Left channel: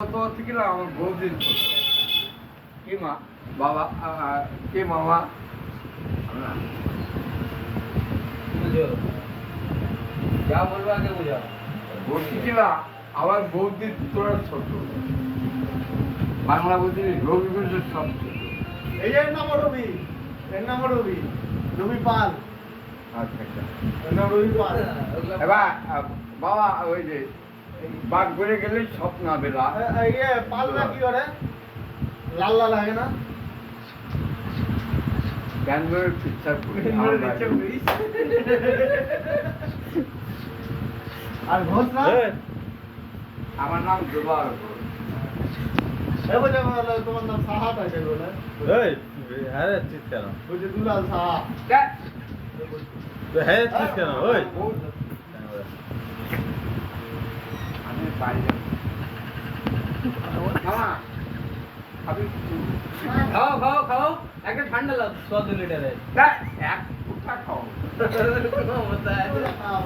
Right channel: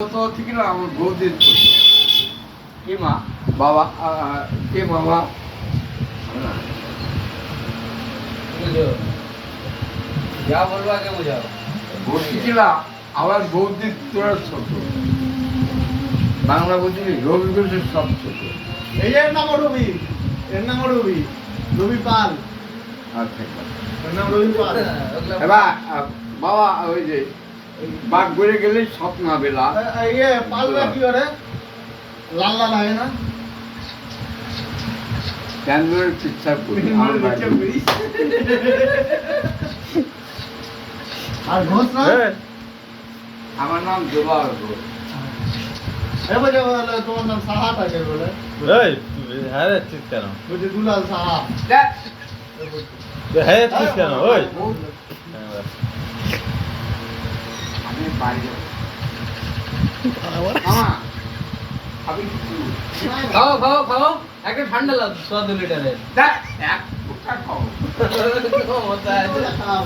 থেকে না আমার বৌদির কি মা বাবা কে মামা क्या बोलवा के मुझे ভর্তি ছিল আমার বৌদির তোরা ছোট বাংলা বৌদি রবি ঘোষের সব ছোট এই এর নাম রবি, এর নাম রবি, রবি পাল। আচ্ছা এর নাম রবি পাল। এবার বাবা ওই যে বাঘ ঘুরে গেলে স্বপ্ন বেলা ইয়ে পালটা কি করে? লাল লাল হয় না? ব্যাঙ্গালোরের পিকচার করি আর ঘোষ না? আমার নাম জোবার ঘোষ এবারে বলে তোমার নাম সাহা থাকে বলে। এই হ্যাঁ চিৎ কেন ওই যে দুলাল সাহা। দেখ, হ্যাঁ চিৎ কেন ওই আমি বাড়ি যাবো। মামা আমি কিছু खाओ खाओ खाओ एक ठंडा ला 100 लीटर है দেখ, এক ফুটা খাও होता है খাওয়া